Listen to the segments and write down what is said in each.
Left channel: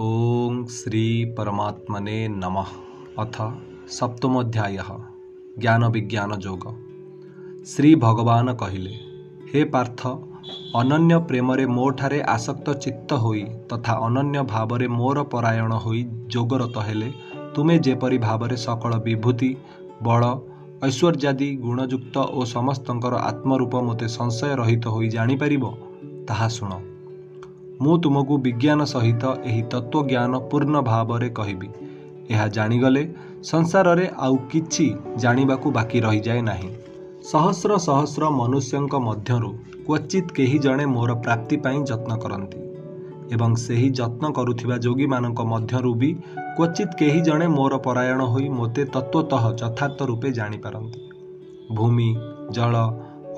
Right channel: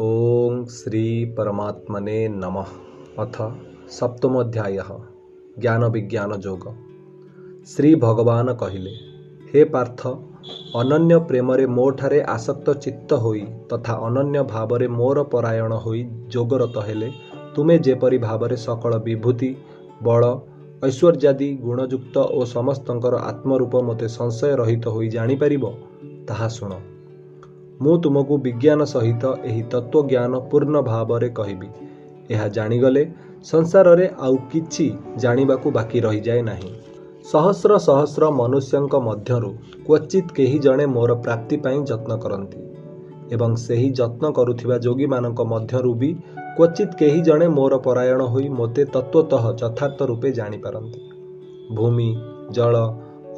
ओं श्री परमात्मने नमः। अथ सप्तमोध्यायः ज्ञान विज्ञान योग। श्री भगवान कहिले, हे पार्थ, अनन्य प्रेमरे मोठारे आसक्त चित्त होई तथा अनन्य भावरे मोर परायण होई जोगरत हेले तुमे जेपरि भावरे सकल विभूति बल ऐश्वर्यादि गुणयुक्त और समस्तंकर आत्मरूप मते संशय रहित होई जानी परिबो ताहा सुण। मु तुमको विज्ञान सहित एही तत्व ज्ञान पूर्ण भावरे कहिबी। यह जानिगले संसार रे आउ किछि जानिबाकू बाकी रही जाए नाही। सहस्र सहस्र मनुष्यंक मध्यरु क्वचित केही जणे मोर प्राप्ति पाई जत्न करंती एवं सेही जत्न करुथिबा जोगी मानक मध्यरु भी क्वचित केही जणे मोर परायण होई मोते तत्वतः यथार्थ रूपे जानि पारंती। भूमि जल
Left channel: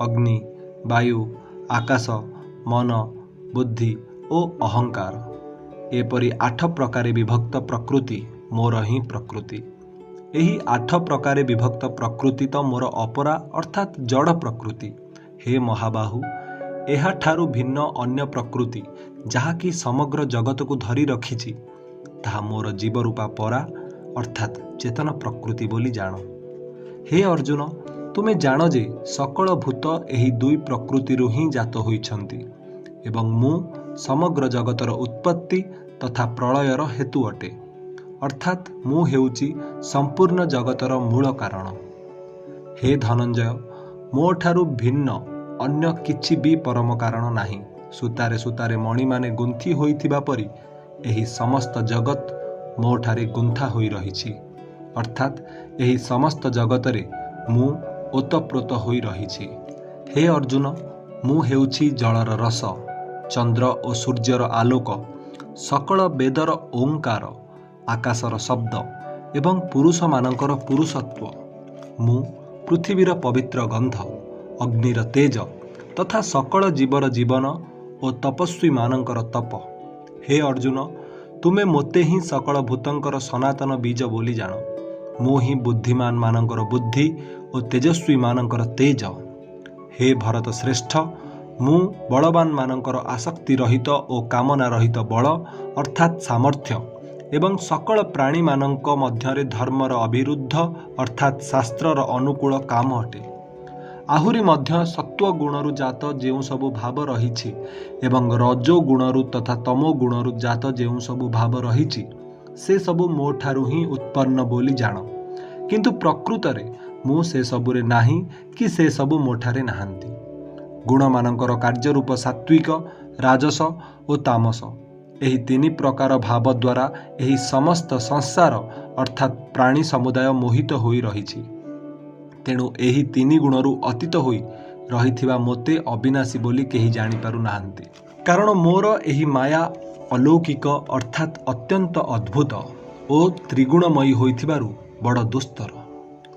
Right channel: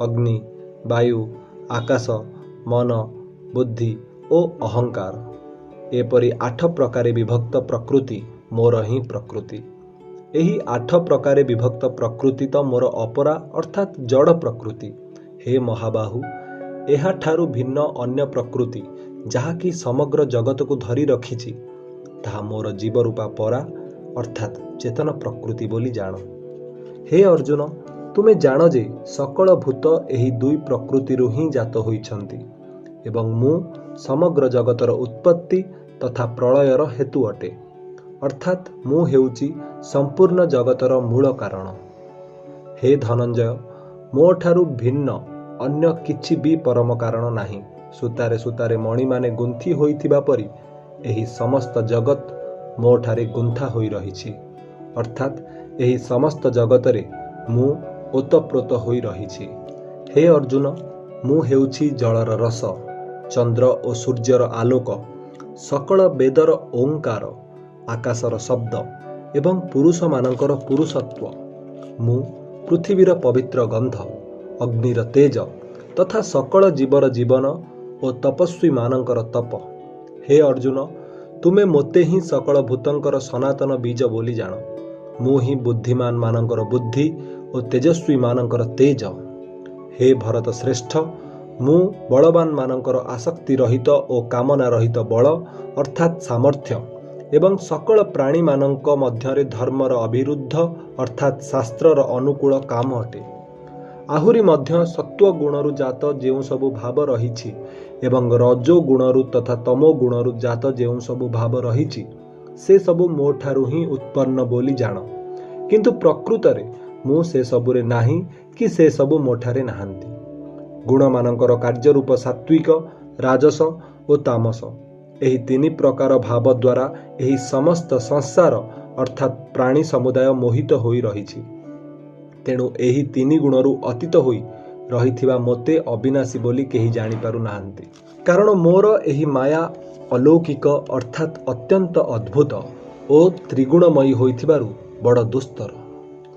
अग्नि वायु आकाश मन बुद्धि ओ अहंकार एपरि 8 प्रकारे विभक्त प्रकृति मोर ही प्रकृति। एही 8 प्रकारे विभक्त प्रकृति तो मोर अपरा अर्थात जड़ प्रकृति। हे महाबाहु, एहा ठारू भिन्न अन्य प्रकृति जहाँकि समग्र जगत को धरी रखिछि ताहा मोर जीव रूपा परा अर्थात चेतन प्रकृति बोली जान। हे अर्जुन, तुमे जान जे सकल भूत एही दुई प्रकृतिरु ही जात होइछन्ति एवं मु समग्र जगतर उत्पत्ति तथा प्रलयर हेतु अटे, अर्थात मु हेउची संपूर्ण जगतर मूल कारण। हे धनंजय, मो ठारू भिन्न अन्य किछि भी परम कारण नाही। सूतारे सूतारे मणि माने गुंथि होइथिबा परि एही समस्त जगत मो ठारे गुंथा होई रहिछि, अर्थात एही समस्त जगतरे मु ओतप्रोत होई रहिछि। हे अर्जुन, मु हेउछि जलर रस, चंद्र और सूर्यर आलोक, सकल वेदर ओंकार, आकाशर शब्द एवं पुरुष मानकर पुरुषत्व। मु पृथ्वीर पवित्र गंध, अग्निर तेज तथा सकल जीवर जीवन और तपस्वी मानकर तप। हे अर्जुन, तुमे मोते ही सकल भूतंकर सनातन बीज बोली जान। मु ही बुद्धिमान मानकर बुद्धि और तेजस्वी मानकर तेज। हे भरत श्रेष्ठ, मु बलवान मानकर आसक्ति रहित और कामना रहित बल अर्थात सामर्थ्य एवं सकल प्राणी मानक मध्यरे धर्मर अविरुद्ध अर्थात शास्त्रर अनुकूल काम अटे। आहुरी मध्य सत्व गुणरु जात जेउ सबु भाव रहिछि एवं रजो गुणरु तथा तमो गुणरु जात जेउ सबु भाव रहिछि से सबु मो ठारू ही उत्पन्न बोली जान। किंतु प्रकृतरे मु से सबुरे नाही कि से सबु मो ठारे नाहंती। गुण मानकर कार्य रूप सात्विक राजस और तामस एही 3 प्रकार भाव द्वारा एही समस्त संसार अर्थात प्राणी समुदाय मोहित होई रहिछि। तेणु एही 3 गुणरु अतीत होई रहिथिबा मोते अविनाशी बोली केही जानि पारु नाहंती। कारण मोर एही माया अलौकिक अर्थात अत्यंत अद्भुत और त्रिगुणमयी होइथिबारु बड़ दुस्तर।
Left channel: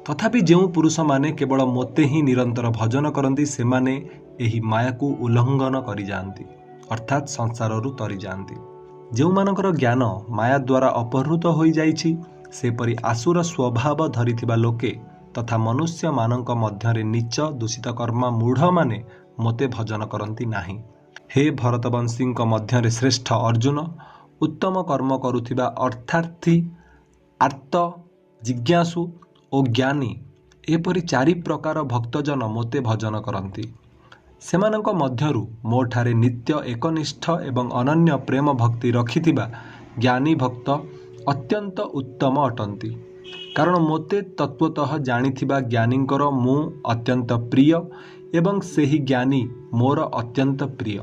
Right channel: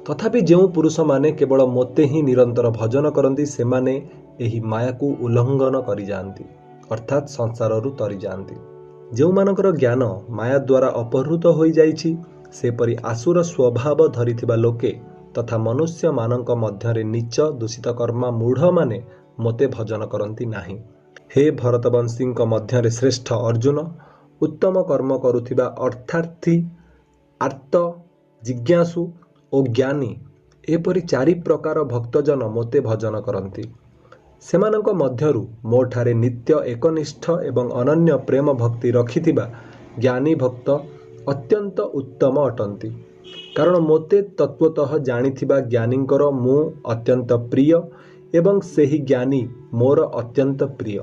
तथापि जेउ पुरुष माने केवल मोते ही निरंतर भजन करंती से माने एही माया को उल्लंघन करि जांती अर्थात संसाररु तरी जांती। जेउ मानकर ज्ञान माया द्वारा अपहृत होई जाइछि सेपरि आसुर स्वभाव धरिथिबा लोके तथा मनुष्य मानक मध्यरे नीच दूषित कर्मा मूढ़ माने मोते भजन करंती नाही। हे भरतवंशींक मध्यरे श्रेष्ठ अर्जुन, उत्तम कर्म करुथिबा अर्थार्थी आर्त जिज्ञासु और ज्ञानी एपरि 4 प्रकार भक्तजन मोते भजन करंती। सेमानंक मध्यरु मो ठारे नित्य एकनिष्ठ एवं अनन्य प्रेम भक्ति रखिथिबा ज्ञानी भक्त अत्यंत उत्तम अटंती। कारण मोते तत्वतः जानिथिबा ज्ञानींकर मु अत्यंत प्रिय एवं सेही ज्ञानी मोर अत्यंत प्रिय।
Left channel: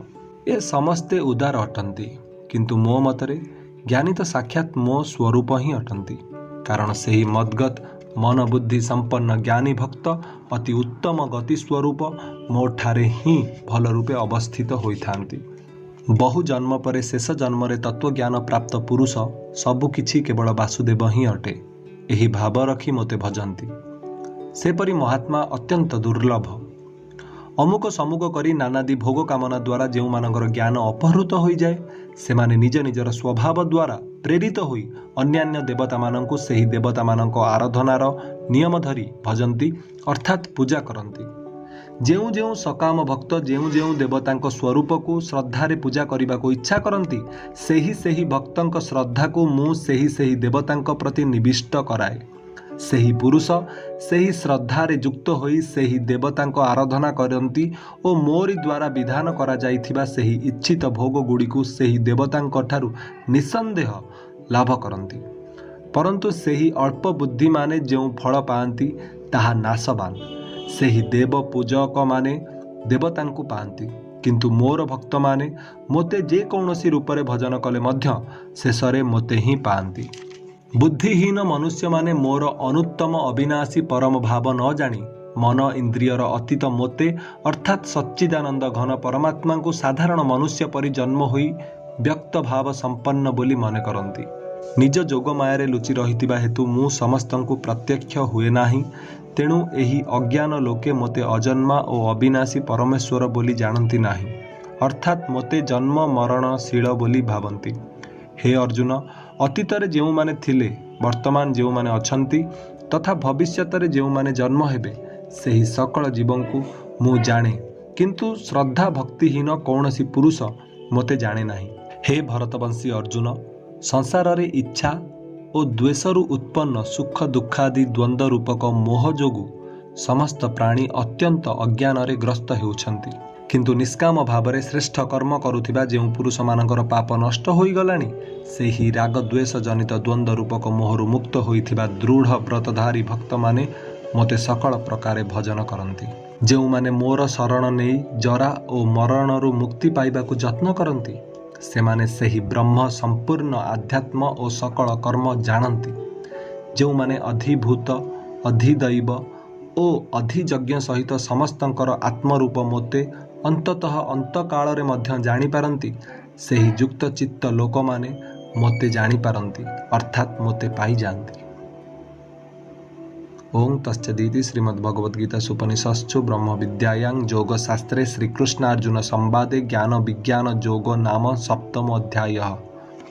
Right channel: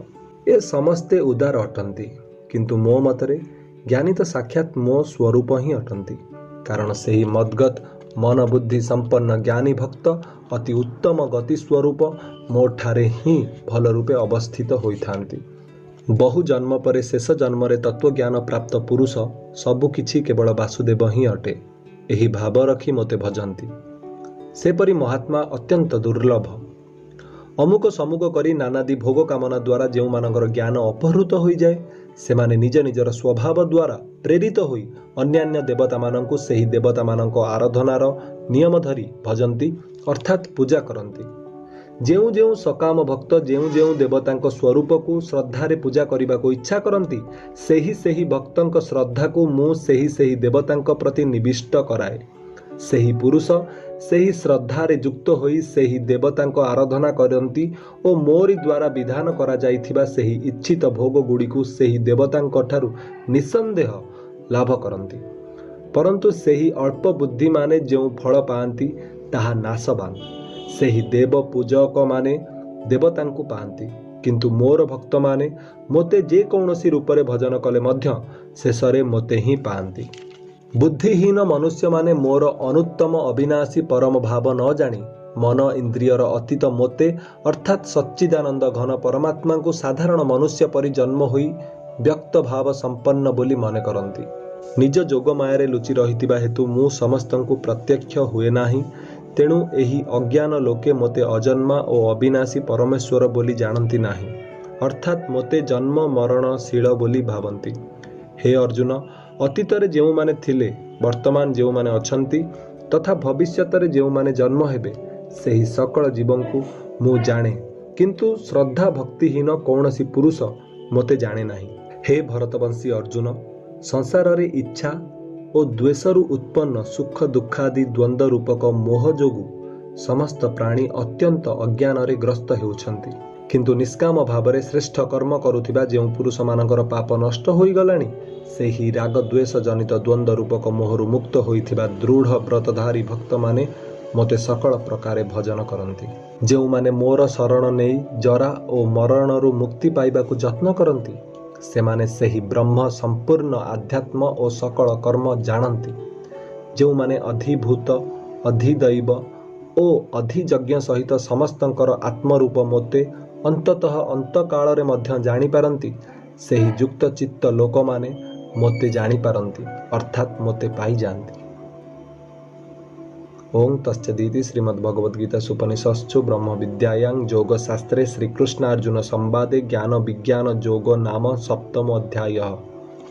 ए समस्ते उदार अटंती, किंतु मो मतरे ज्ञानी तो साक्षात मो स्वरूप ही अटंती। कारण सेही मद्गत मन बुद्धि संपन्न ज्ञानी भक्त अति उत्तम गति स्वरूप मो ठारे ही भल रूपे अवस्थित होइथांती। बहु जन्म परे शेष जन्म रे तत्व ज्ञान प्राप्त पुरुष सबु किछि केवल वासुदेव ही अटे एही भाव रखी मोते भजंती। सेपरि महात्मा अत्यंत दुर्लभ। अमुक समुक करी नानादि भोग कामना द्वारा जेउ मानकर ज्ञान अपहृत होई जाए सेमाने निज निजर स्वभाव द्वारा प्रेरित होई अन्यान्य देवता मानंकु सेही देवता मानंक आराधनार नियम धरी भजंती अर्थात पूजा करंती। ଯେଉଁ ଯେଉଁ ସକାମ ଭକ୍ତ ଯେଉଁ ଯେଉଁ ଦେବତାଙ୍କ ସ୍ୱରୂପକୁ ଶ୍ରଦ୍ଧାରେ ପୂଜା କରିବାକୁ ଇଚ୍ଛା କରନ୍ତି, ସେହି ସେହି ଭକ୍ତଙ୍କ ଶ୍ରଦ୍ଧାକୁ ମୁଁ ସେହି ସେହି ଦେବତାଙ୍କ ପ୍ରତି ନିବିଷ୍ଟ କରାଏ। ସେହି ପୁରୁଷ ସେହି ଶ୍ରଦ୍ଧାରେ ଯୁକ୍ତ ହୋଇ ସେହି ଦେବତାଙ୍କ ଆରାଧନା କରନ୍ତି ଓ ମୋରି ଦ୍ୱାରା ବିଧାନ କରାଯାଇଥିବା ସେହି ଇଚ୍ଛିତ ଭୋଗଗୁଡ଼ିକୁ ସେହି ଦେବତାଙ୍କ ଠାରୁ ନିଃସନ୍ଦେହ ଲାଭ କରନ୍ତି। ପରନ୍ତୁ ସେହି ଅଳ୍ପ ବୁଦ୍ଧିମାନେ ଯେଉଁ ଫଳ ପାଆନ୍ତି ତାହା ନାଶବାନ। ସେହି ଦେବ ପୂଜକମାନେ ଦେବତାଙ୍କୁ ପାଆନ୍ତି, କିନ୍ତୁ ମୋର ଭକ୍ତମାନେ ମୋତେ ଯେକୌଣସି ରୂପରେ ଭଜନ କଲେ ମଧ୍ୟ ଶେଷରେ ମୋତେ ହିଁ ପାଆନ୍ତି। ବୁଦ୍ଧିହୀନ ମନୁଷ୍ୟମାନେ ମୋର ଅନୁତ୍ତମ ଅବିନାଶୀ ପରମ ଭାବ ନ ଜାଣି ମନ ଇନ୍ଦ୍ରିୟର ଅତୀତ ମୋତେ ଅର୍ଥାତ୍ ସଚ୍ଚିଦାନନ୍ଦ ଘନ ପରମାତ୍ମାଙ୍କୁ ସାଧାରଣ ମନୁଷ୍ୟ ପରି ଜନ୍ମ ହୋଇ ବ୍ୟକ୍ତ ଭାବ ସମ୍ପନ୍ନ ବୋଲି ମନେ କରନ୍ତି। ନିଜ ଯୋଗ ମାୟାରେ ଲୁଚି ରହିଥିବା ହେତୁ ମୁଁ ସମସ୍ତଙ୍କୁ ପ୍ରତ୍ୟକ୍ଷ ହୁଏ ନାହିଁ। ତେଣୁ ଏହି ଅଜ୍ଞାନ ଲୋକେ ମୋତେ ଅଜନ୍ମା ଓ ଅବିନାଶୀ ପରମେଶ୍ୱର ବୋଲି ଜାଣନ୍ତି ନାହିଁ, ଅର୍ଥାତ୍ ମୋତେ ଜନ୍ମ ମରଣଶୀଳ ବୋଲି ଭାବନ୍ତି। ହେ ଅର୍ଜୁନ, ଅତୀତରେ ଯେଉଁମାନେ ଥିଲେ, ବର୍ତ୍ତମାନ ଯେଉଁମାନେ ଅଛନ୍ତି ତଥା ଭବିଷ୍ୟତରେ ଯେଉଁମାନେ ଜନ୍ମ ହେବେ, ସେହି ସକଳ ଜୀବଙ୍କୁ ମୁଁ ଜାଣେ, କିନ୍ତୁ ଶ୍ରଦ୍ଧା ଭକ୍ତିହୀନ କୌଣସି ପୁରୁଷ ମୋତେ ଜାଣେ ନାହିଁ। ହେ ଭରତବଂଶୀ ଅର୍ଜୁନ, ସଂସାରରେ ଇଚ୍ଛା ଓ ଦ୍ୱେଷରୁ ଉତ୍ପନ୍ନ ସୁଖ ଦୁଃଖାଦି ଦ୍ୱନ୍ଦ୍ୱ ରୂପକ ମୋହ ଯୋଗୁଁ ସମସ୍ତ ପ୍ରାଣୀ ଅତ୍ୟନ୍ତ ଅଜ୍ଞାନରେ ଗ୍ରସ୍ତ ହେଉଛନ୍ତି। କିନ୍ତୁ ନିଷ୍କାମ ଭାବରେ ଶ୍ରେଷ୍ଠ କର୍ମ କରୁଥିବା ଯେଉଁ ପୁରୁଷମାନଙ୍କର ପାପ ନଷ୍ଟ ହୋଇଗଲାଣି, ସେହି ରାଗ ଦ୍ୱେଷ ଜନିତ ଦ୍ୱନ୍ଦ୍ୱ ରୂପକ ମୋହରୁ ମୁକ୍ତ ହୋଇଥିବା ଦୃଢ଼ ବ୍ରତଧାରୀ ଭକ୍ତମାନେ ମୋତେ ସକଳ ପ୍ରକାରେ ଭଜନ କରନ୍ତି। ଯେଉଁମାନେ ମୋର ଶରଣ ନେଇ ଜରା ଓ ମରଣରୁ ମୁକ୍ତି ପାଇବାକୁ ଯତ୍ନ କରନ୍ତି, ସେମାନେ ସେହି ବ୍ରହ୍ମ ସମ୍ପୂର୍ଣ୍ଣ ଆଧ୍ୟାତ୍ମ ଓ ସକଳ କର୍ମ ଜାଣନ୍ତି। ଯେଉଁମାନେ ଅଧିଭୂତ, ଅଧିଦୈବ ଓ ଅଧିଯଜ୍ଞ ସହିତ ସମସ୍ତଙ୍କର ଆତ୍ମରୂପ ମୋତେ ଅନ୍ତତଃ ଅନ୍ତକାଳରେ ମଧ୍ୟ ଜାଣିପାରନ୍ତି, ସେହି ଯୁକ୍ତ ଚିତ୍ତ ଲୋକମାନେ ମୋତେ ଜାଣିପାରନ୍ତି, ଅର୍ଥାତ୍ ମୋତେ ପାଇଯାଆନ୍ତି। ଓಂ ତତ୍ସଦିତି। ଶ୍ରୀମଦ୍ଭଗବଦ୍ଗୀତା ସୁପନିଷତ୍ସୁ ବ୍ରହ୍ମବିଦ୍ୟାୟାଂ ଯୋଗଶାସ୍ତ୍ରେ ଶ୍ରୀକୃଷ୍ଣାର୍ଜୁନ ସମ୍ବାଦେ ଜ୍ଞାନ ବିଜ୍ଞାନ ଯୋଗ ନାମ ସପ୍ତମ ଅଧ୍ୟାୟः।